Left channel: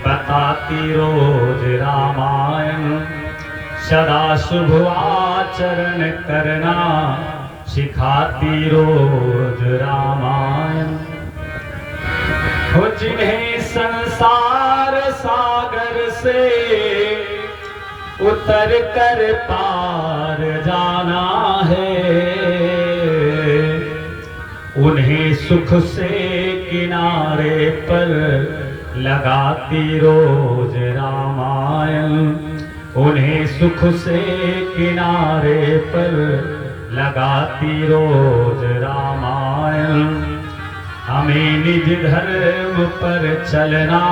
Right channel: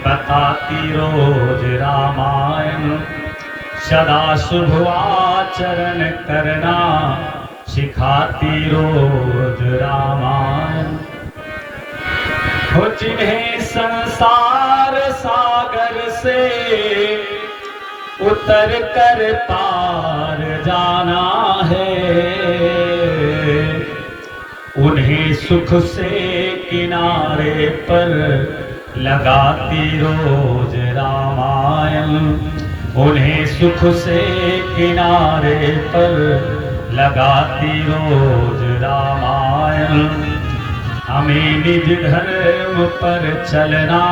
बताती रोज रामायण, सदा शुभ आचरण करना सिखाती रोज रामायण। हो जिन्हें संसार सागर से उतर कर पार जाना है, उन्हें सुख से किनारे पर लगाती रोज रामायण, उन्हें सुख से किनारे पर लगाती रोज रामायण। हमें निज धर्म पर चलना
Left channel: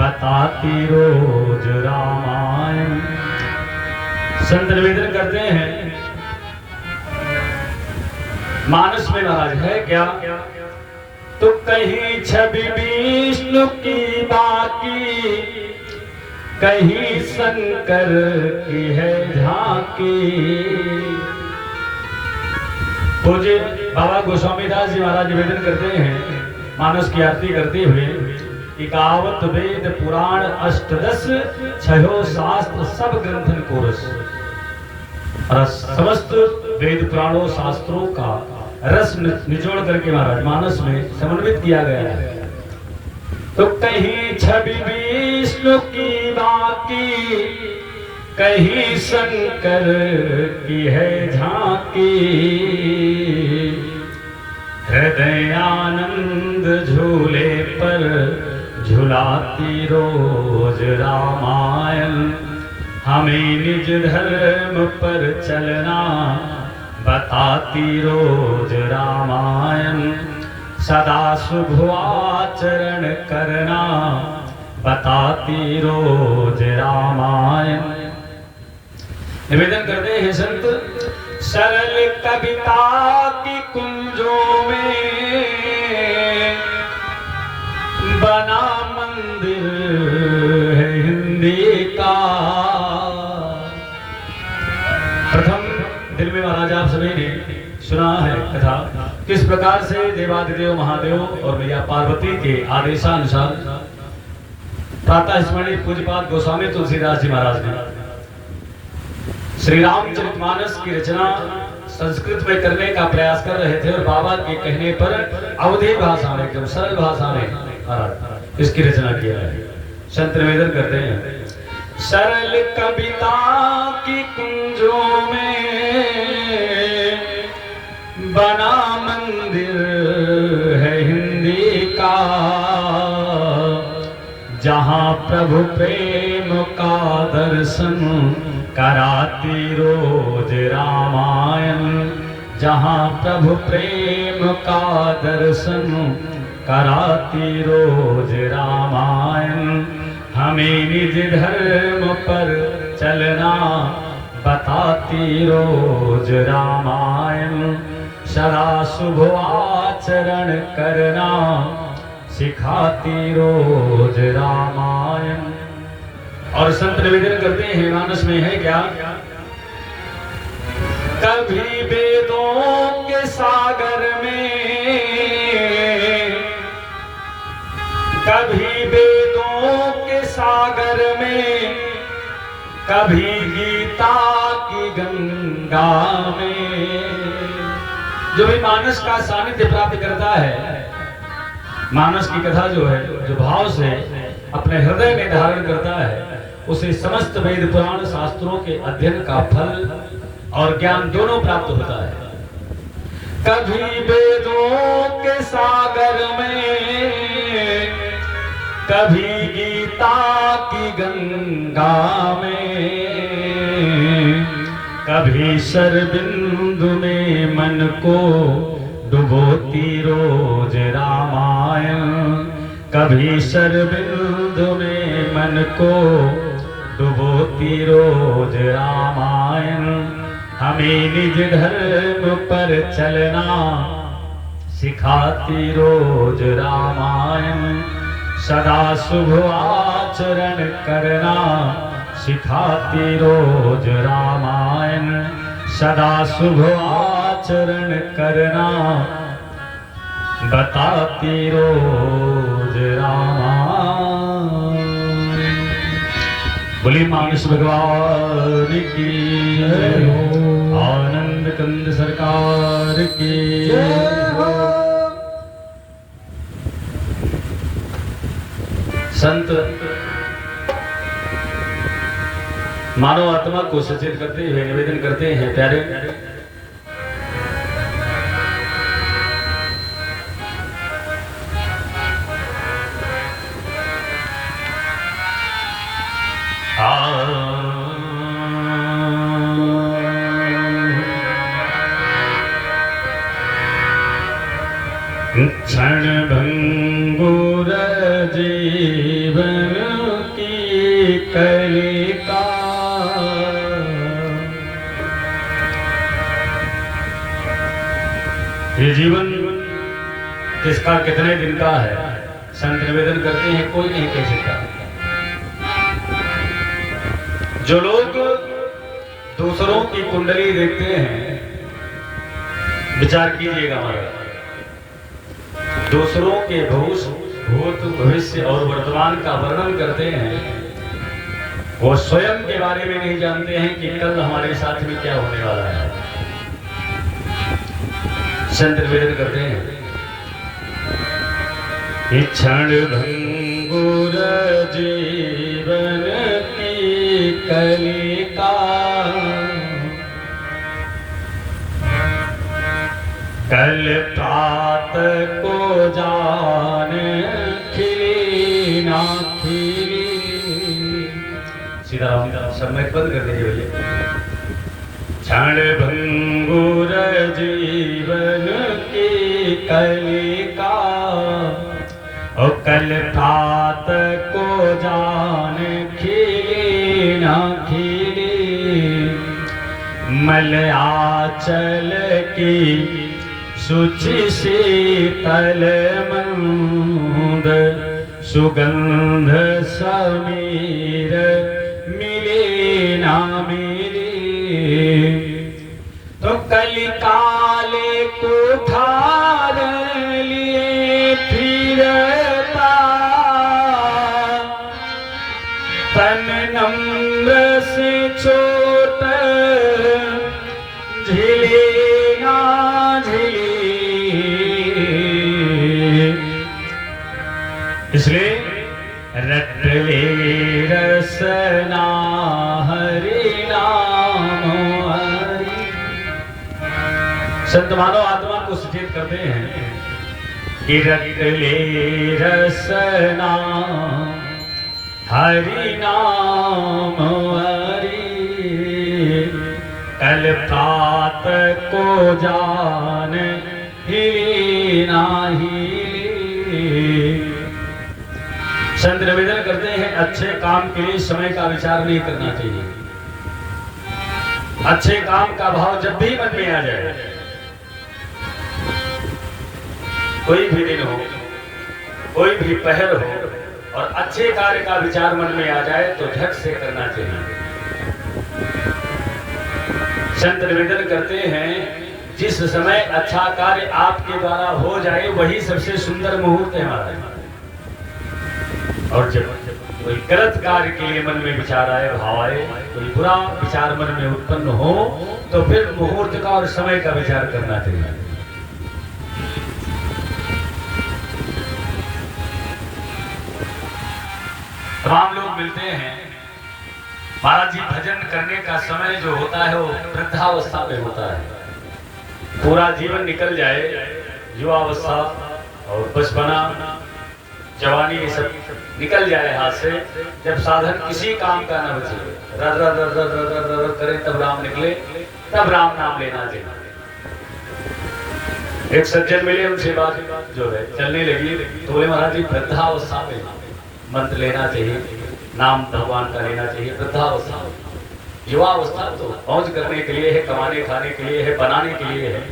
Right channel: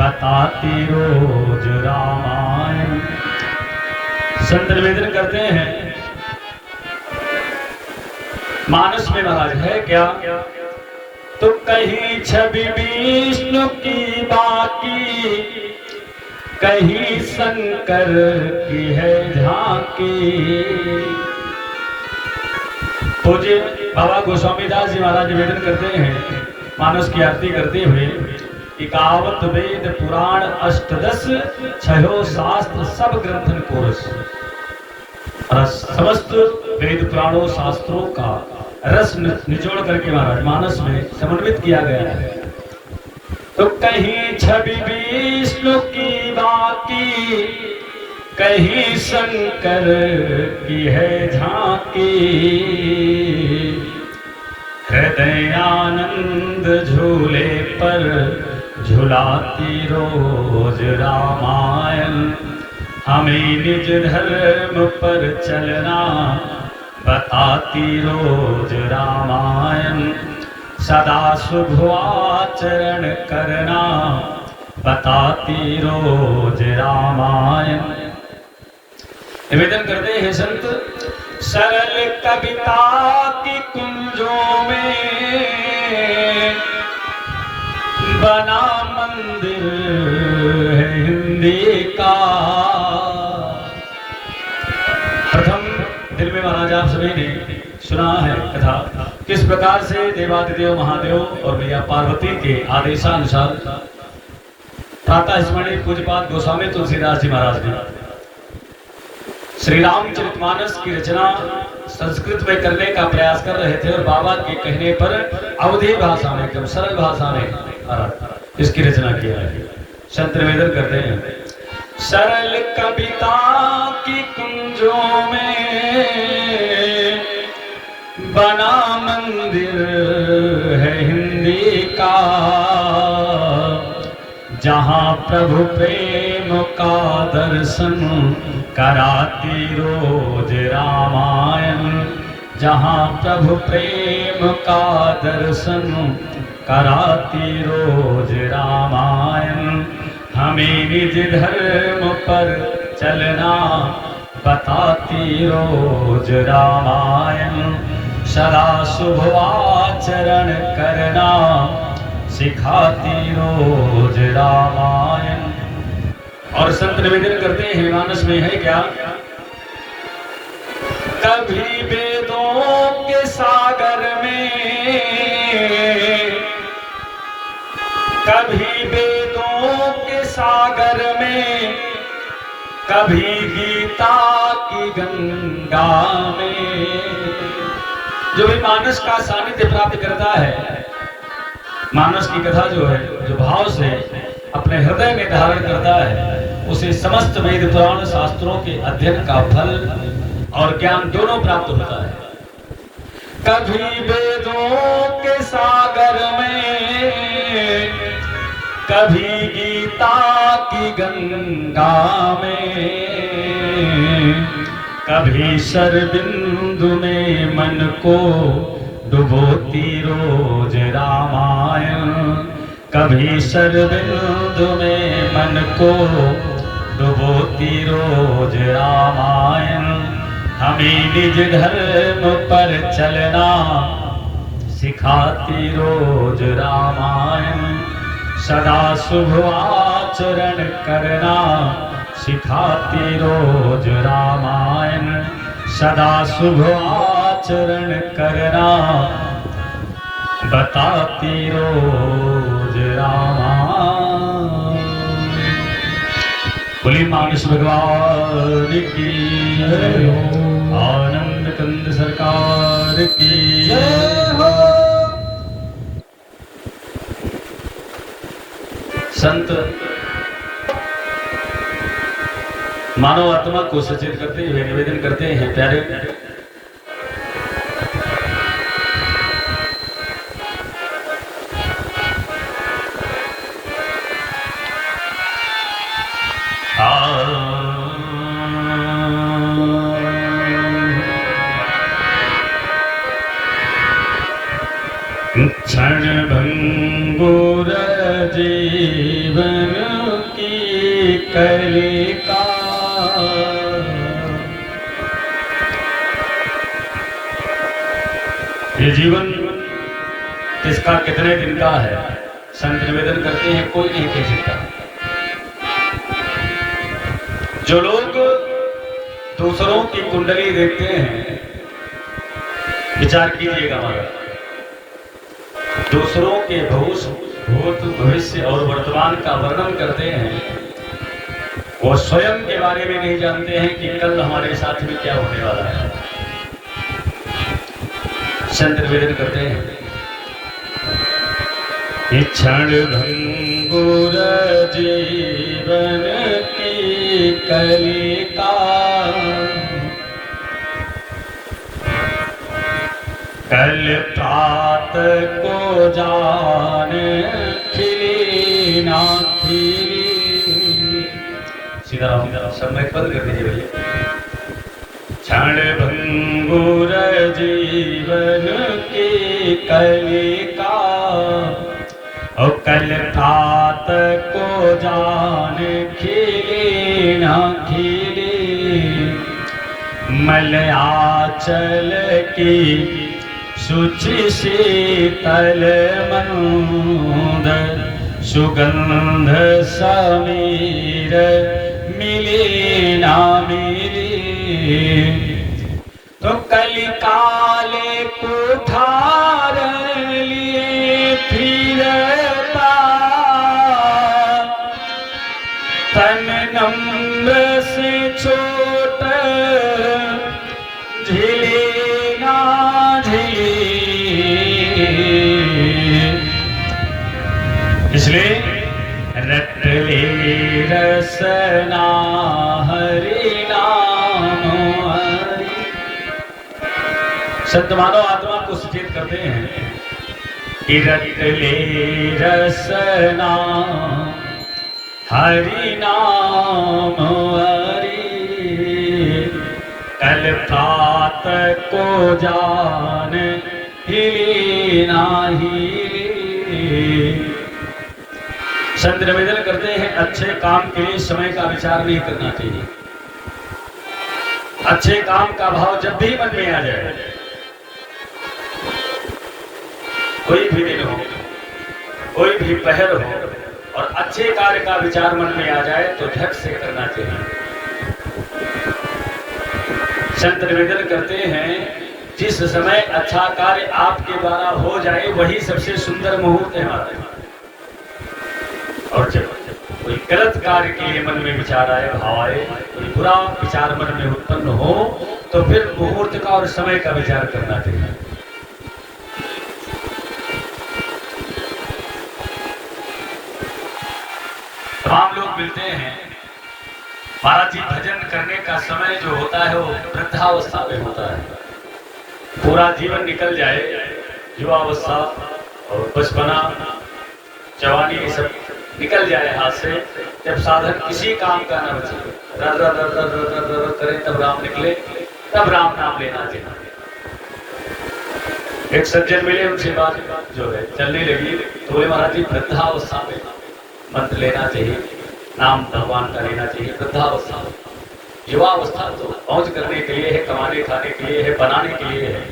बताती रोज रामायण। संत निवेदन करते हैं, मानस में महाराज है क्या तो कहीं छवि विष्णु की बाकी, कहीं शंकर की है झांकी। पूज्य बाबा गोस्वामी दास जी महाराज निवेदन करते हैं, मानस की आरती करते हुए, इकावत वेद पुराण अष्टदश छयो शास्त्र सब ग्रंथन को रस, समस्त वेद पुराणों शास्त्रों का रस निचोड़ करके महाराज मानस में समन्वित किया गया है। तो कहीं छवि विष्णु की बाकी, कहीं शंकर की है झांकी। हृदय आनंद झूले पर झुलाती रोज रामायण, हमें निज धर्म पर चलना बताती रोज रामायण। सदा शुभ आचरण करना बताती रोज रामायण। निवेदन करते हैं संत, सरल कविता की कुंजों में बना मंदिर है हिंदी का। प्रथम दिन में महाराज आप सभी ने सुना है कथा, किस प्रकार से देवादिदेव महादेव और मैया पार्वती के आदेशानुसार प्रातः स्मरणीय पूज्यपाद गोस्वामी तुलसीदास जी महाराज ने श्री रामचरितमानस की रचना संस्कृत में करने का प्रयास कर रहे थे, और बाबा के कहने पर अवधी भाषा में, एकदम सरल भाषा में इसकी रचना किया है। संत निवेदन करते हैं, सरल कविता की कुंजों में बना मंदिर है हिंदी का। जहाँ प्रभु प्रेम का दर्शन कराती रोज रामायण, जहाँ प्रभु प्रेम का दर्शन कराती रोज रामायण। हमें निज धर्म पर चलना बताती रोज रामायण। सदा शुभ आचरण करना सिखाती रोज रामायण। और संत निवेदन करते हैं, मानस में है क्या, कभी वेदों के सागर में, कभी वेदों के सागर में, कभी गीता की गंगा में। जो भी मानस का सानिध्य प्राप्त करता है, मानस की कथा जो है, जो भाव से अपने हृदय में धारण करता है, उसे समस्त वेद पुराण शास्त्रों के अध्ययन का फल और ज्ञान दोनों प्राप्त होता है। कभी वेदों के सागर में, कभी गीता की गंगा में, कभी शरबिंदु में मन को डुबोती रोज रामायण, कभी शरबिंदु में मन को डुबोती रोज रामायण। हमें निज धर्म पर चलना सिखाती रोज रामायण। सदा शुभ आचरण करना सिखाती रोज रामायण। सदा शुभ आचरण करना बताती रोज रामायण। बोले मानस भगवान की, आनंद कंद सरकार की जय हो। संत मानव आत्मा को सचेत करते हुए निवेदन करते हैं, प्यारे क्षण भंगुर जीवन की कलिका, ये जीवन किसका कितने दिन का है, संत निवेदन करते हैं कोई नहीं कह सकता। जो लोग दूसरों की कुंडली देखते हैं, विचार कीजिएगा हमारा, दूसरों के भूत भविष्य और वर्तमान का वर्णन करते हैं, वो स्वयं के बारे में नहीं जानते हैं कि कल हमारे साथ में क्या होने वाला है। संत निवेदन करते हैं, क्षण भंगुर जीवन की कलिका, कल प्रात को जान खिली ना खिली। सीताराम समय बंद कर दीजिए भैया। क्षण भंगुर जीवन की कलिका, और कल प्रात को जान खिली ना खिली, मलयाचल की शुचि शीतल मंद, सुगंध समीर मिले ना मिले, तो कलिकाले कुठार लिए फिरता, तन नम्र से छोट झिले ना झिले। इसलिए रट ले रसना हरि नाम हरि। संत मानव आत्मा को सचेत करते हैं कि रट ले रसना हरि नाम हरि, कल प्रात को जान हिले नाही। संत निवेदन करते हैं, अच्छे काम के लिए समय का विचार नहीं करना चाहिए। अच्छे काम का भाव जब भी मन में आ जाए, कोई भी दिन हो, कोई भी पहल हो, और अच्छे कार्य का विचार मन में आ जाए तो झट से करना चाहिए। संत निवेदन करते हैं, जिस समय अच्छा कार्य आपके द्वारा हो जाए वही सबसे सुंदर मुहूर्त है हमारा। और जब कोई गलत कार्य के लिए मन में विचार आए, भाव आए, कोई बुरा विचार मन में उत्पन्न हो, तो फिर मुहूर्त का और समय का विचार करना चाहिए। तमाम लोग मिलते हैं, महाराज जी भजन करने का समय जो होता है वो वृद्धावस्था में होता है। पूरा जीवन निकल जाए, युवावस्था और बचपना, जवानी, ये सब निकल जाए हाथ से, जब साधन किसी काम का न बचे, रद रद रद रद रद रद करे तब राम निकले, तब राम नाम लेना चाहिए। एक सज्जन मिले, उनसे बात जो है चलने लगी, तो बोले महाराज जी वृद्धावस्था में मंत्र लेना चाहिए, नाम भगवान का लेना चाहिए। वृद्धावस्था, युवावस्था तो मौज करने के लिए है, कमाने खाने के लिए है, बनाने के लिए है।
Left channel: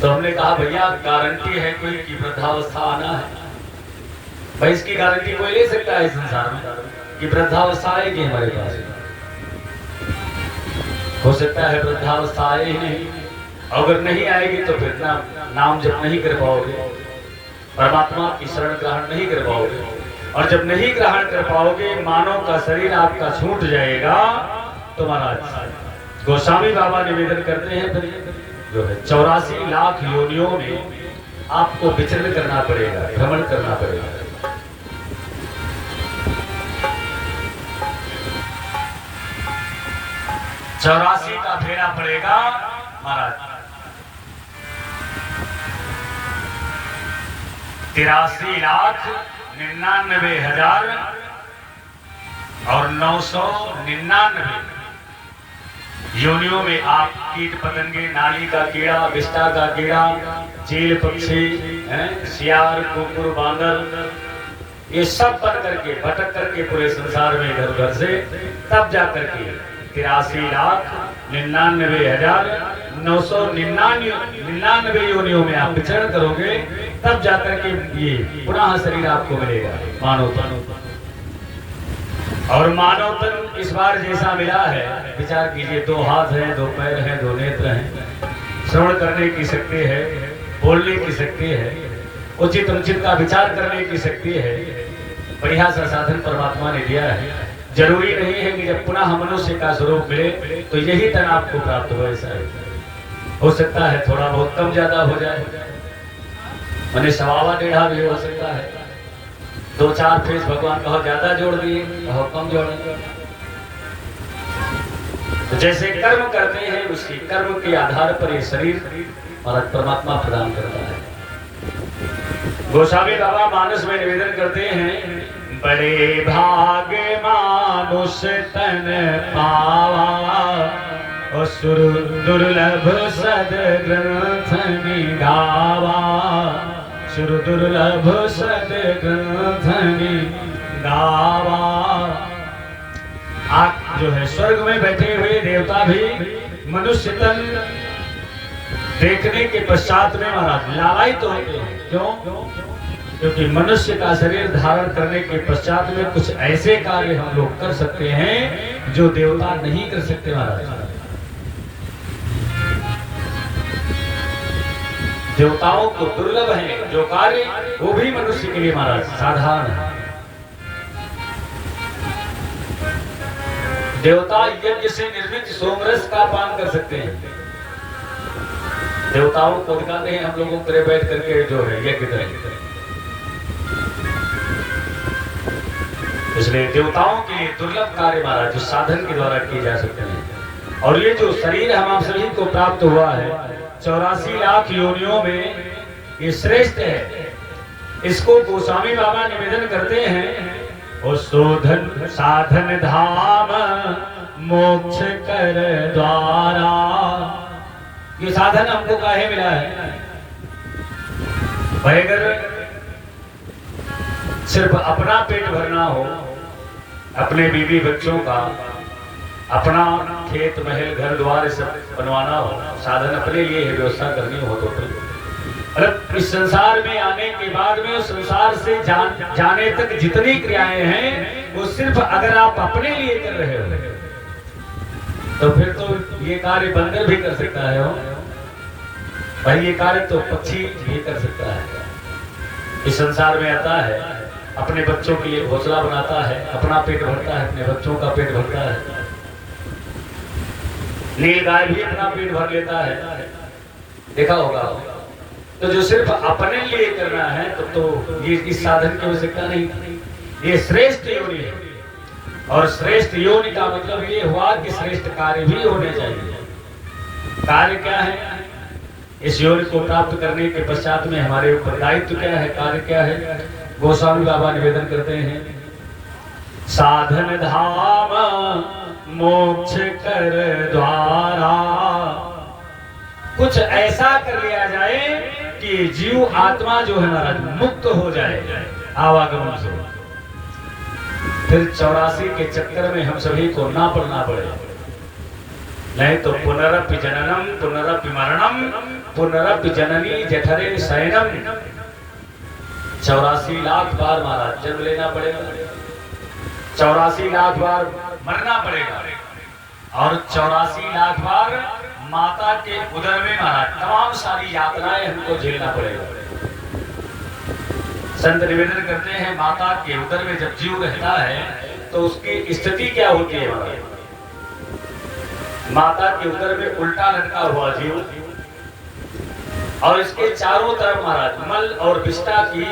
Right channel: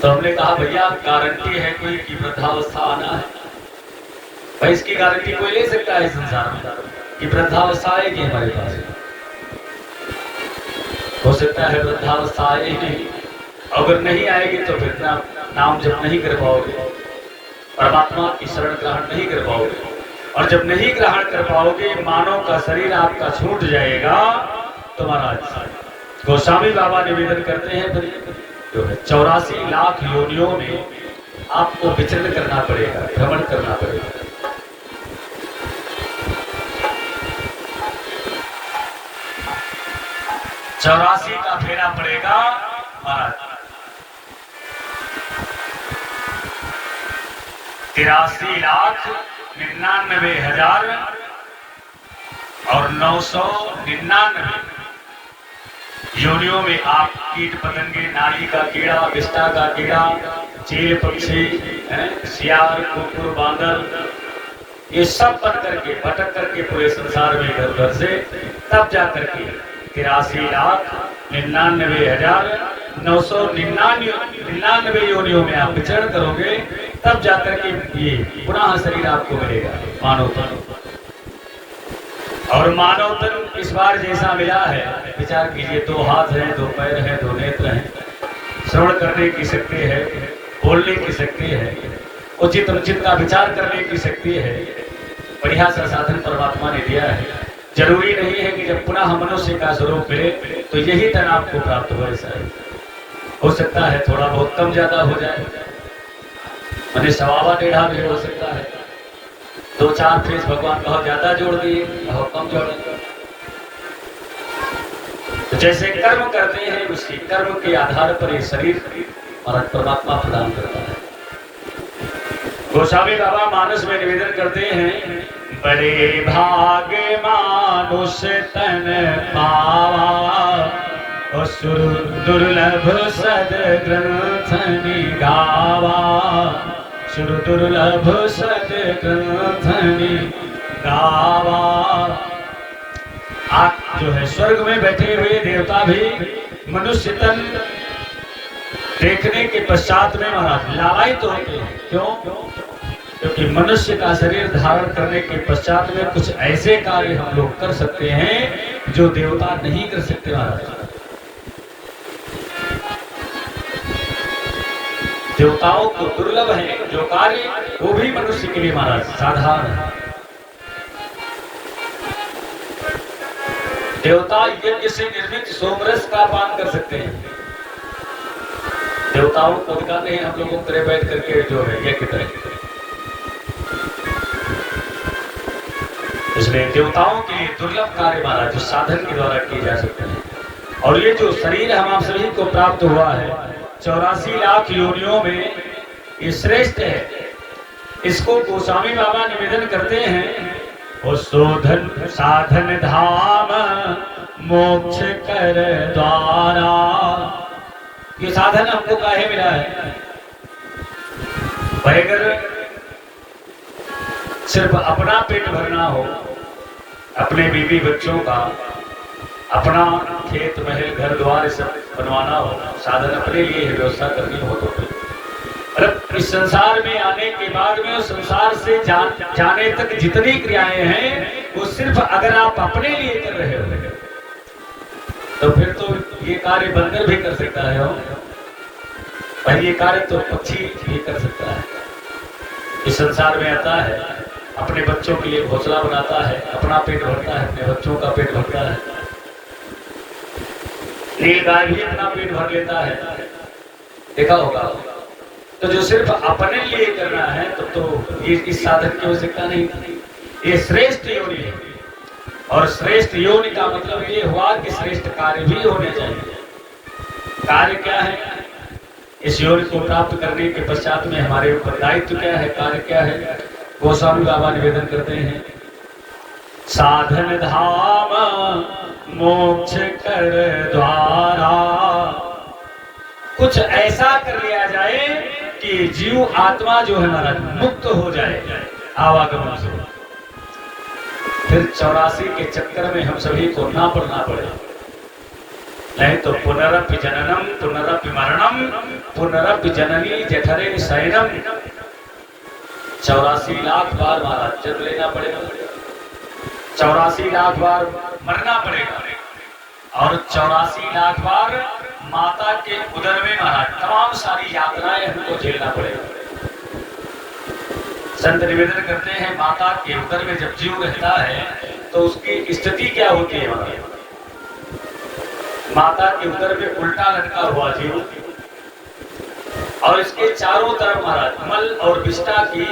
तो हमने कहा भैया गारंटी है कोई कि वृद्धावस्था आना है? भाई इसकी गारंटी कोई ले सकता है संसार में कि वृद्धावस्था आएगी हमारे पास? हो सकता है वृद्धावस्था आए ही नहीं। अगर नहीं आएगी तो फिर नाम जप नहीं कर पाओगे, परमात्मा की शरण ग्रहण नहीं कर पाओगे, और जब नहीं ग्रहण कर पाओगे, मानव का शरीर आपका छूट जाएगा, तो महाराज गोस्वामी बाबा निवेदन करते हैं फिर जो है 84 लाख योनियों में आपको विचरण करना पड़ेगा, भ्रमण करना पड़ेगा। 84 का फेरा पड़ेगा महाराज। 83,99,000 और 999 योनियों में आप कीट पतंगे, नाली का कीड़ा, विष्ठा का कीड़ा, चील पक्षी, सियार, कुकुर, बांदर, ये सब बन करके भटक करके पूरे संसार में इधर उधर से तब जा करके 83,99,999 योनियों में आप विचरण करोगे, तब जाकर के ये पुनः शरीर आपको मिलेगा, मानव तन। और मानव तन इस बार जैसा मिला है, विचार कीजिए, 2 हाथ हैं, 2 पैर हैं, 2 नेत्र हैं, श्रवण करने की शक्ति है, बोलने की शक्ति है, उचित अनुचित का विचार करने की शक्ति है, बढ़िया सा साधन परमात्मा ने दिया है। जरूरी नहीं है कि जब पुनः मनुष्य का स्वरूप मिले तो यही तन आपको प्राप्त हो, ऐसा है। हो सकता है थोड़ा बहुत कम ज्यादा हो जाए, मैंने 1.25 भी हो सकता है, 2-4 फेस भगवान बहुत ज्यादा जोड़ दिए, बहुत कम जोड़ेंगे। तो जैसे कर्म करते हैं, उसके कर्म के आधार पर ये शरीर और परमात्मा प्रदान करता है। गोस्वामी बाबा मानस में निवेदन करते हैं, बड़े भाग मानुष तन पावा, असुर दुर्लभ सद ग्रंथ गावा, सुर दुर्लभ सद ग्रंथ गावा। आप जो है स्वर्ग में बैठे हुए देवता भी मनुष्य तन देखने के पश्चात में महाराज लालायित तो होते हैं। क्यों? क्योंकि मनुष्य का शरीर धारण करने के पश्चात में कुछ ऐसे कार्य हम लोग कर सकते हैं जो देवता नहीं कर सकते महाराज। देवताओं को दुर्लभ है जो कार्य, वो भी मनुष्य के लिए महाराज साधारण है। देवता यज्ञ से निर्मित सोमरस का पान कर सकते हैं। देवताओं को दिखाते हैं हम लोगों को बैठ करके जो है यज्ञ करेंगे। इसलिए देवताओं के दुर्लभ कार्य महाराज जो साधन के द्वारा किए जा सकते हैं। और ये जो शरीर हम आप सभी को प्राप्त हुआ है 84 लाख योनियों में, ये श्रेष्ठ है। इसको गोस्वामी बाबा निवेदन करते हैं, ओ शोधन साधन धाम मोक्ष कर द्वारा। ये साधन हमको काहे मिला है भाई? अगर सिर्फ अपना पेट भरना हो, अपने बीवी बच्चों का, अपना खेत महल घर द्वार सब बनवाना हो, साधन अपने लिए व्यवस्था करनी हो, तो फिर इस संसार में आने के बाद में संसार से जाने तक जितनी क्रियाएं हैं वो सिर्फ अगर आप अपने लिए कर रहे हो तो फिर तो ये कार्य बंदर भी कर सकता है भाई, ये कार्य तो पक्षी भी कर सकता है। इस संसार में आता है, अपने बच्चों के लिए घोंसला बनाता है, अपना पेट भरता है, अपने बच्चों का पेट भरता है। नील गाय भी अपना पेट भर लेता है, देखा होगा। तो जो सिर्फ अपने लिए करना है तो ये इस साधन की आवश्यकता नहीं। ये श्रेष्ठ योनि है, और श्रेष्ठ योनि का मतलब ये हुआ कि श्रेष्ठ कार्य भी होने चाहिए। कार्य क्या है? इस योनि को प्राप्त करने के पश्चात में हमारे ऊपर दायित्व क्या है, कार्य क्या है? गोस्वामी बाबा निवेदन करते हैं, साधन धाम मोक्ष कर द्वारा। कुछ ऐसा कर लिया जाए कि जीव आत्मा जो है हमारा मुक्त हो जाए आवागमन से। फिर 84 के चक्कर में हम सभी को ना पड़ना पड़े, नहीं तो पुनरपि जननम पुनरपि मरणम पुनरपि जननी जठरे शयनम। 84 लाख बार महाराज जन्म लेना पड़ेगा, 84 लाख बार मरना पड़ेगा, और 84 लाख बार माता के उदर में महाराज तमाम सारी यात्राएं हमको झेलना पड़ेगा। संत निवेदन करते हैं माता के उदर में जब जीव रहता है तो उसकी स्थिति क्या होती है। माता के उदर में उल्टा लटका हुआ जीव और इसके चारों तरफ महाराज मल और विष्ठा की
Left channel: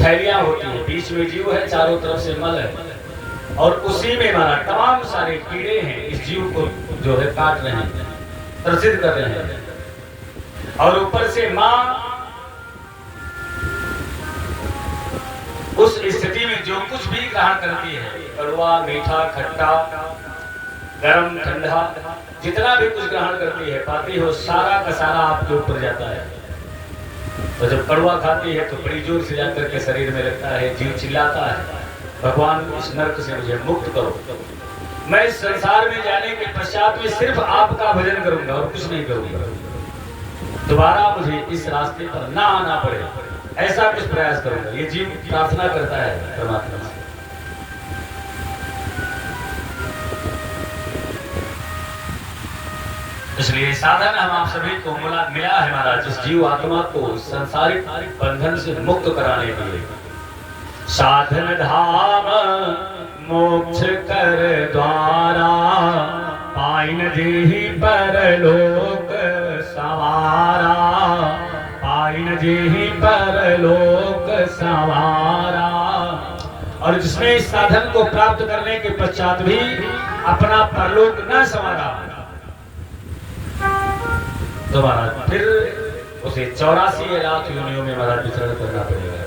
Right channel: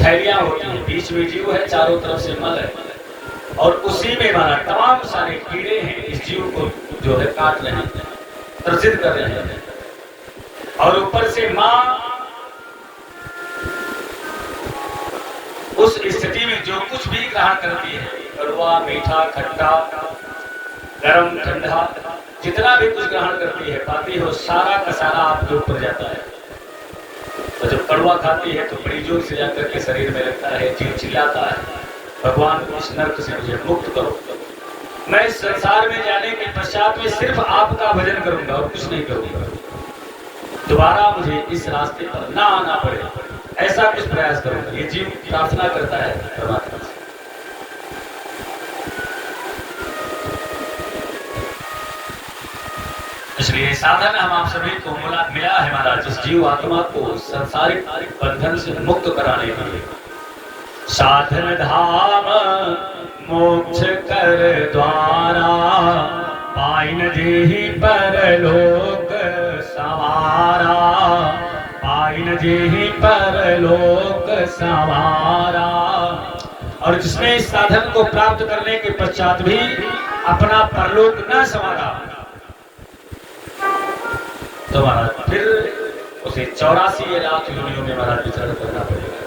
थैलियां होती है, बीच में जीव है, चारों तरफ से मल है और उसी में महाराज तमाम सारे कीड़े हैं इस जीव को जो है काट रहे हैं, त्रसित कर रहे हैं। और ऊपर से मां उस स्थिति में जो कुछ भी ग्रहण करती है, कड़वा मीठा खट्टा गरम ठंडा जितना भी कुछ ग्रहण करती है पाती हो सारा का सारा आपके ऊपर जाता है। तो जब कड़वा खाती है तो बड़ी जोर से जाकर के शरीर में लगता है, जीव चिल्लाता है भगवान इस नर्क से मुझे मुक्त करो, मैं इस संसार में जाने के पश्चात में सिर्फ आपका भजन करूंगा और कुछ नहीं करूंगा, दोबारा मुझे इस रास्ते पर ना आना पड़े, ऐसा कुछ प्रयास करूंगा। ये जीव प्रार्थना करता है परमात्मा से। इसलिए साधन हम आप सभी को मिला है महाराज, इस जीव आत्मा को संसारिक बंधन से मुक्त कराने के लिए। साधन धाम मोक्ष कर द्वारा पाइन जेहि परलोक सवारा, पाइन जेहि परलोक सवारा। और जिसने इस साधन को प्राप्त करने के पश्चात भी अपना परलोक न संवारा तो महाराज फिर उसे 84 लाख योनियों में महाराज विचरण करना पड़ेगा।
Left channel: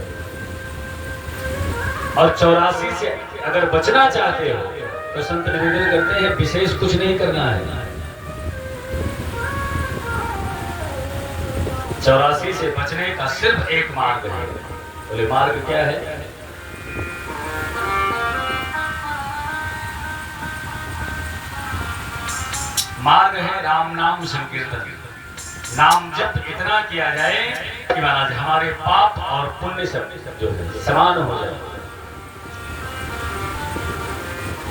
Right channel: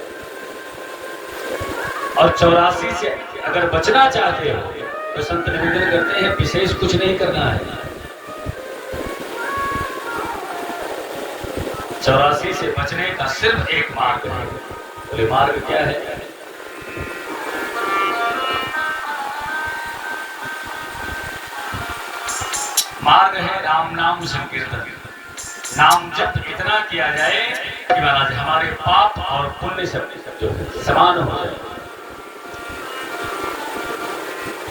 और 84 से अगर बचना चाहते हो तो संत निवेदन करते हैं विशेष कुछ नहीं करना है। 84 से बचने का सिर्फ एक मार्ग है। बोले मार्ग क्या है? मार्ग है राम नाम संकीर्तन। नाम जप इतना किया जाए कि महाराज हमारे पाप और पुण्य सब जो समान हो जाए।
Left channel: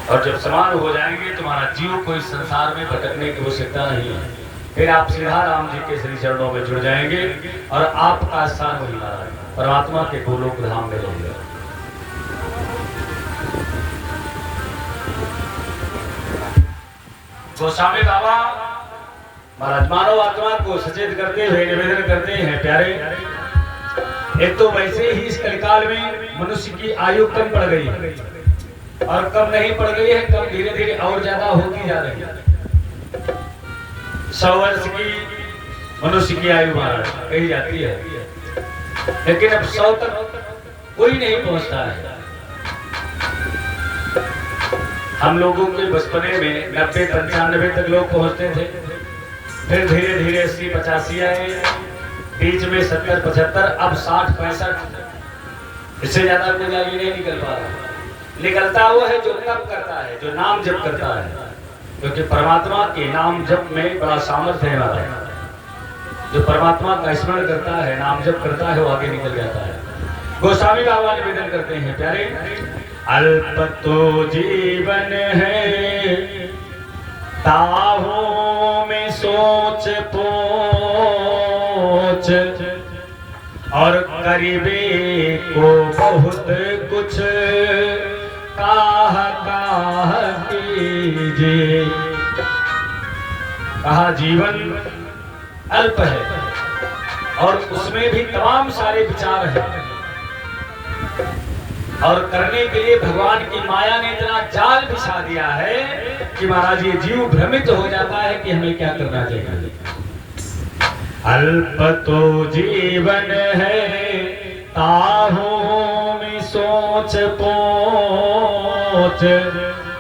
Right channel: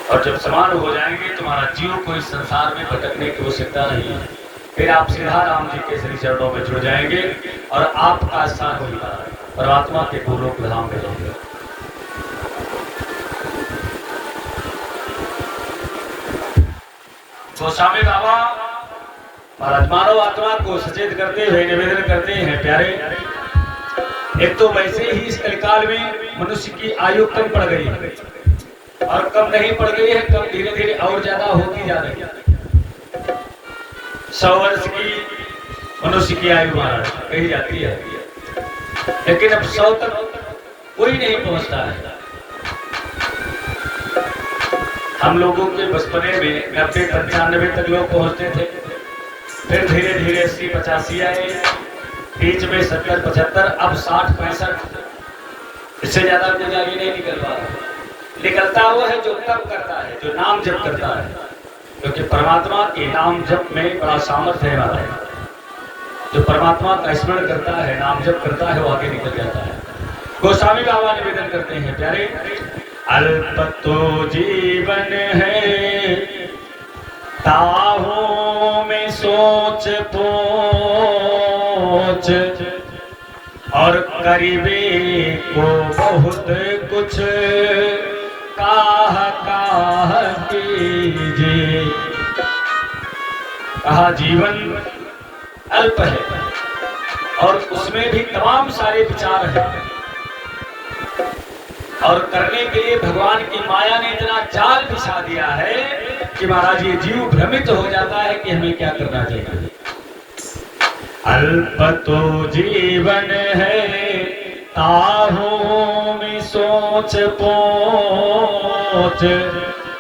और जब समान हो जाएंगे तो हमारा जीव को इस संसार में भटकने की आवश्यकता नहीं है। फिर आप सीधा राम जी के श्री चरणों में जुड़ जाएंगे और आपका स्थान वही परमात्मा के गोलोक धाम में रहेगा। गोस्वामी बाबा महाराज मानव आत्मा को सचेत करते हुए निवेदन करते हैं प्यारे, एक तो वैसे ही इस कलिकाल में मनुष्य की आयु कम पड़ गई है और कम नहीं पड़ गई है, कम धीरे धीरे और ज्यादा होती जा रही है। 100 वर्ष की मनुष्य की आयु महाराज कही जाती है, लेकिन अब 100 तक कोई नहीं पहुंचता है। हम लोगों के बचपने में 90-95 तक लोग पहुंचते थे, फिर धीरे धीरे 80-85 आए, बीच में 70-75, अब 60-65। इससे ज्यादा कोई आगे नहीं निकल पा रहा। निकलता वो है जो तप करता है, जो नाम जप करता है, क्योंकि परमात्मा के नाम जप में बड़ा सामर्थ्य है हमारा। जो परमात्मा का स्मरण करता है, नाम जप करता है, वो आगे निकल जाता है। गोस्वामी बाबा निवेदन करते हैं प्यारे, अल्प तो जीवन है ताहों में सोच पोच, और करीबे को बहुत कुछ काह कीजिए। कहा जीवन अल्प है और उसमें भी तमाम सारे विचार हैं, और करने के लिए भगवान की माया ने इतना जाल बिछा दिया है कि महाराज ये जीव भ्रमित हो जाता है कि हमें क्या करना चाहिए। अल्प तो जीवन है ताहों में सोच पोच,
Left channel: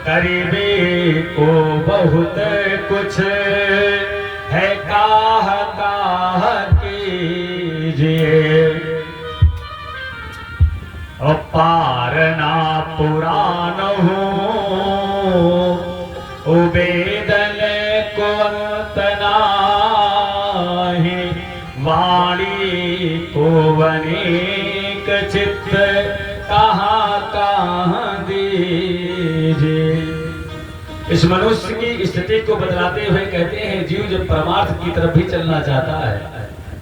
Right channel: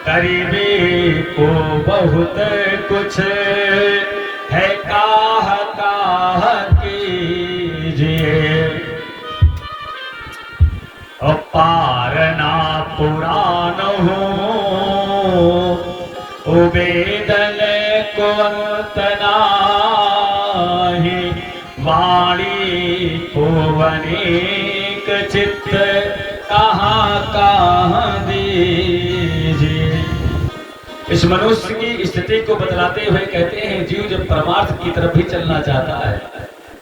करीबी को बहुत कुछ है काह कीजिए। पार ना पुराण हो उबेदन को अंत नाही, वाणी को अनेक चित्त कहाँ दीजिए। इस मनुष्य की स्थिति को बतलाते हुए कहते हैं जीव जब परमार्थ की तरफ भी चलना चाहता है,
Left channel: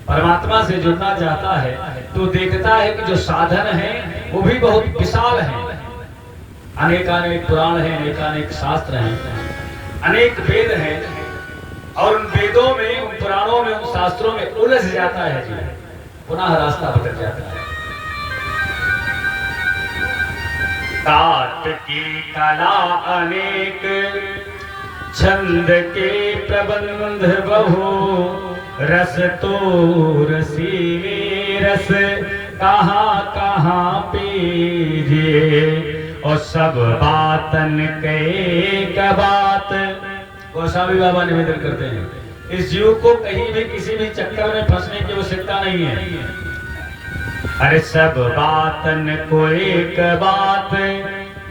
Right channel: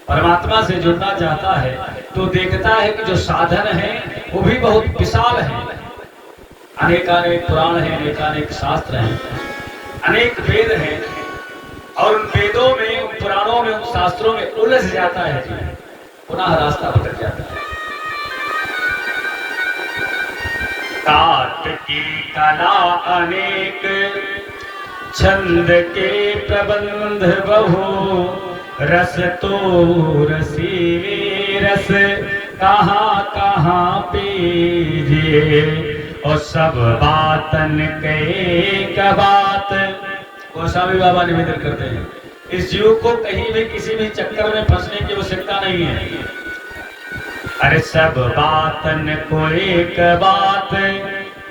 परमात्मा से जुड़ना चाहता है, तो देखता है कि जो साधन है वो भी बहुत विशाल है। अनेकानेक पुराण हैं, अनेकानेक शास्त्र हैं, अनेक वेद हैं, और उन वेदों में, उन पुराणों में, उन शास्त्रों में उलझ जाता है जी, पुनः रास्ता भटक जाता है। तात की कला अनेक, छंद के प्रबंध बहु, रस तो रसी रस कहाँ कहाँ पीजे, और सब बातन के एक बात। गोस्वामी बाबा निवेदन करते हैं, इस जीव को कहीं भी किसी भी चक्कर में फंसने की आवश्यकता नहीं है। अरे सब बातन को एक बात,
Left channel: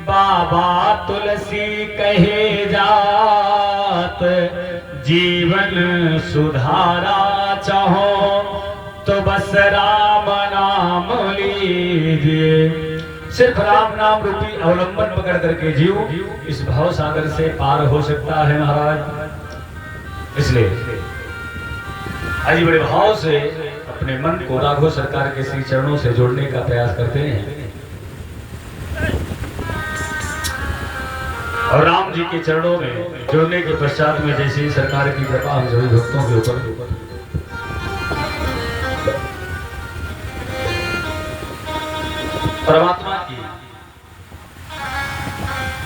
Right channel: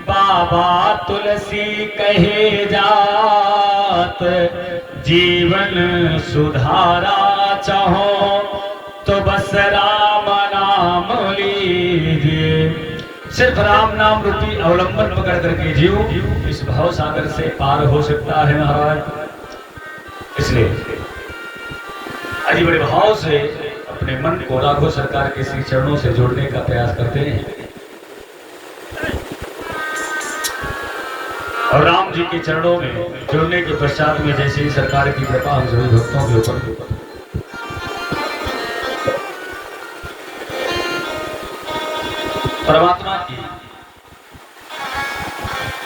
बाबा तुलसी कहे जात, जीवन सुधारा चाहो तो बस राम नाम लीजिए। सिर्फ राम नाम रूपी अवलंबन पकड़ करके जीव इस भाव सागर से पार हो सकता है महाराज। इसलिए आज बड़े भाव से अपने मन को राघव सरकार के श्री चरणों से जोड़ने का प्रयास करते हैं, और राम जी के चरणों में जोड़ने के पश्चात में जैसे सरकार की कृपा हम सभी भक्तों के ऊपर, परमात्मा